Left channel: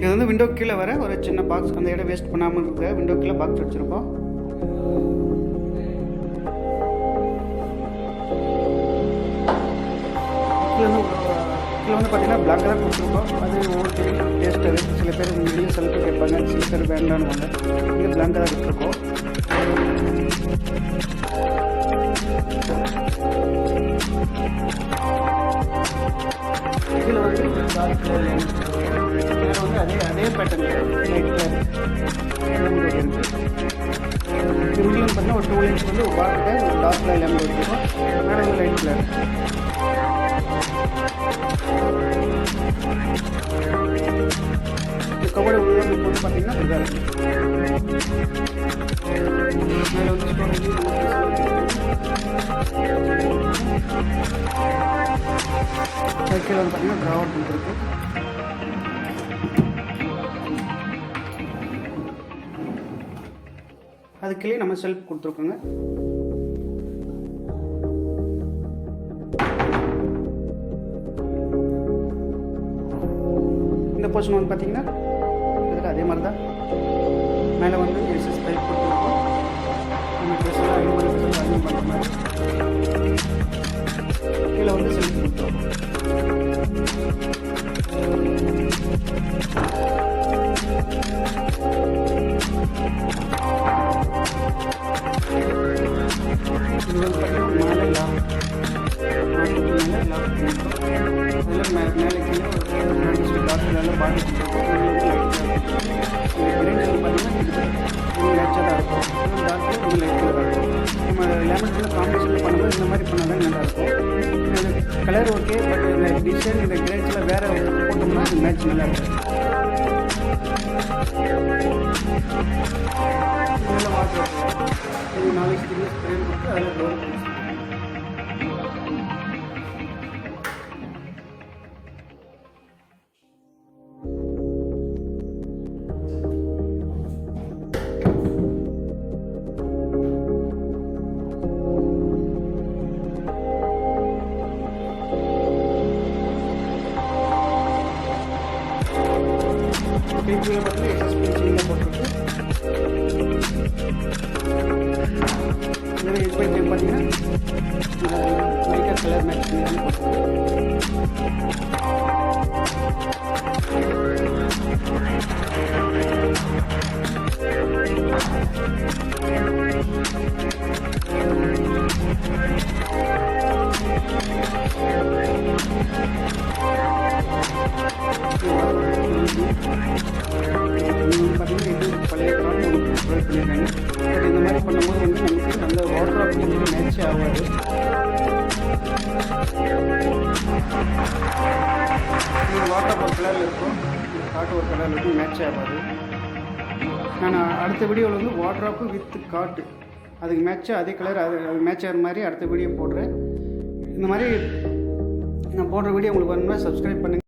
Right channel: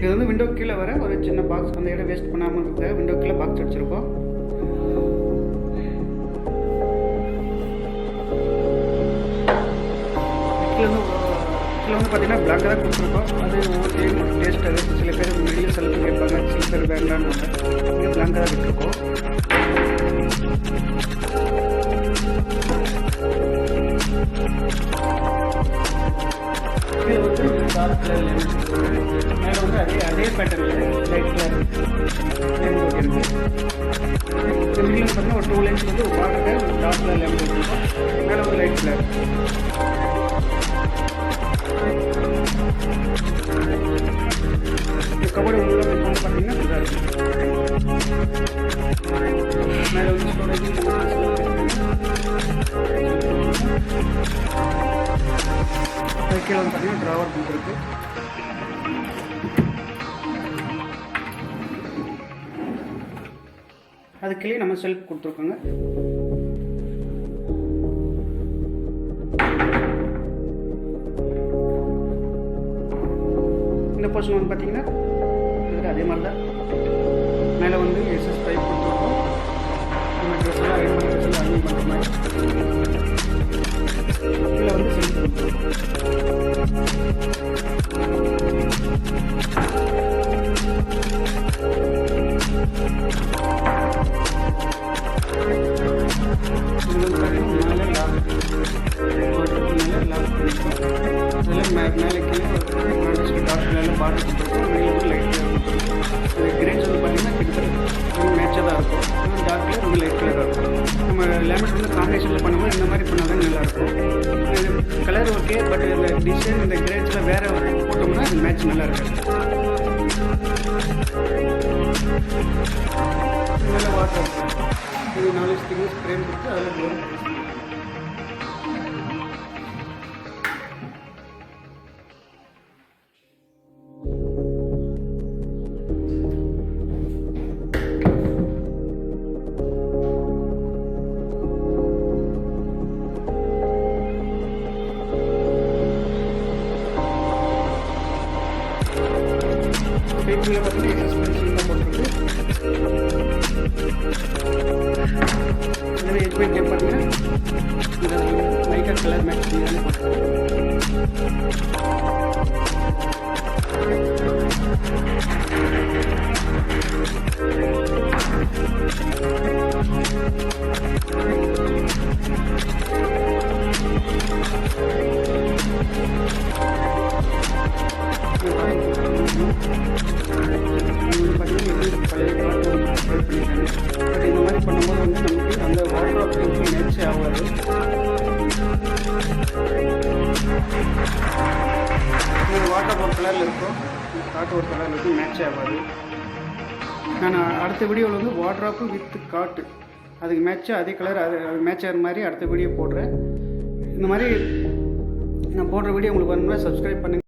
இது வந்து விண்டோ கீழே வர ஒரு சின்ன பாக்ஸ், அந்த இடம் வேஸ்ட் பண்ணாமல் இருக்க விண்டோ கீழே பாக்ஸ் வச்சுருக்கோம். கீழே வந்து பார்த்தீங்கன்னா பிளாங்காக தான் கொடுத்துருக்கோம். அது ஒவ்வொரு டைம் டேஸ்ட் அது. சில பேர் மெடிய செலவு கேட்பாங்க, சில பேர் வேண்டான்னு. இங்கே பிளாங்காக தான் விட்டுருக்கோம். இதில் வந்து டார்க் கலர் மேலே வந்து அதே பேட்டர்னில் லைட் கலர் லேமினேட் இருக்குது. இந்த மிடில் வந்து பார்த்தீங்கன்னா ஒரு 2 லைன்ஸ் வந்து ஒரு பார்க்கிட்ட ஒரு டார்க் கலர் லேமினேட் வச்சுருக்கோம். மேலே வந்து லைட் கலர். இந்த கபோர்டு உள்ள வந்து பார்த்தீங்கன்னா இப்படி தான் இருக்குது. மேலே வந்து ஸ்டோரேஜ் கீழே வந்து பார்த்தீங்கன்னா ட்ராவர் கொடுத்துருக்கு. அதுக்குள்ளே நம்ம செல்ஃப் கொடுத்துருக்கோங்க. இந்த போர்ஷன் வந்து பார்த்தீங்கன்னா அதே மாதிரி தான். மேலே வந்து எஸ்எஸ் பைப் கொடுத்துருக்கோம். நம்ம ட்ரெஸ்ஸெல்லாம் அயன் பண்ணிக்கிறதுல அயன் பண்ணுற மாதிரி. கீழே வந்து செல்ஃப் கொடுத்துருக்கோம். இது வந்து பார்த்தீங்கன்னா மேலே லாக் பண்ணியிருக்கோம். அதில் மேலே கீழே ஒரு டார்க் கலரில் பாட்டு கொடுத்துருக்கோம். வெளியில் வந்து லைட் கலர் கொடுத்துருக்கோம். இந்த கிரேன்ஸ் வந்து பார்த்தீங்கன்னா கிட்டத்தட்ட மேட்சாக தான் இருக்கும். இது டார்க் கலர் ரொம்ப லைட் கலராக இருக்கும். நம்ம லேமினேட் வந்து காம்பினேஷனில் பண்ணும்போது இந்த மாதிரி பண்ணால் தான் நல்லாயிருக்கும். இது கலர் ஓகே, பட் இந்த டிசைன் இந்த கிரேன்ஸில் வேறு போட்டோம்னா அது மேட்ச் நல்லா இருக்காது. நல்ல வாட்டர் இது 4 ஸ்டிக்கர்ஸ் ஃப்ரேம் கொடுத்து அதில் டோர். பைப்புகளில் பார்த்தீங்கன்னா எஸ்எஸ் பிரிச்சிங்காக போட்டிருக்கு. இதுவே எஸ்பை கேம் பார்த்தீங்கன்னா இந்த மைக்கா கலர் மேட்ச் பண்ணி போட்டிருக்கு. பார்த்தீங்கன்னா இது பழைய கார்டு ஒன்று ப்ரொவைட் பண்ணியிருக்காங்க. பட் இந்த மாதிரி பண்ணும்போது வந்து நமக்கு அந்த வாட்டர் ஆஃப் எதுவும் மேட்சே ஆகாது. இந்த வாட்டர் ஒரு கலரில் இருக்கும், இந்த காட்டு ஒரு கலரில் இருக்கும், மேட்சே ஆகாது. நான் அடுத்த வீடியோவில் வந்து வாட்டர் ஆஃப் வித் காட்டு அதுக்கு மேட்சாக அதே கலர் அது மேட்ச் ஆகிற மாதிரி அடுத்த வீடியோ போடுறேன். இந்த மாதிரி நான் போடுற வீடியோ உங்களுக்கு வரணும்னா சப்ஸ்கிரைப் பண்ணுங்கள்.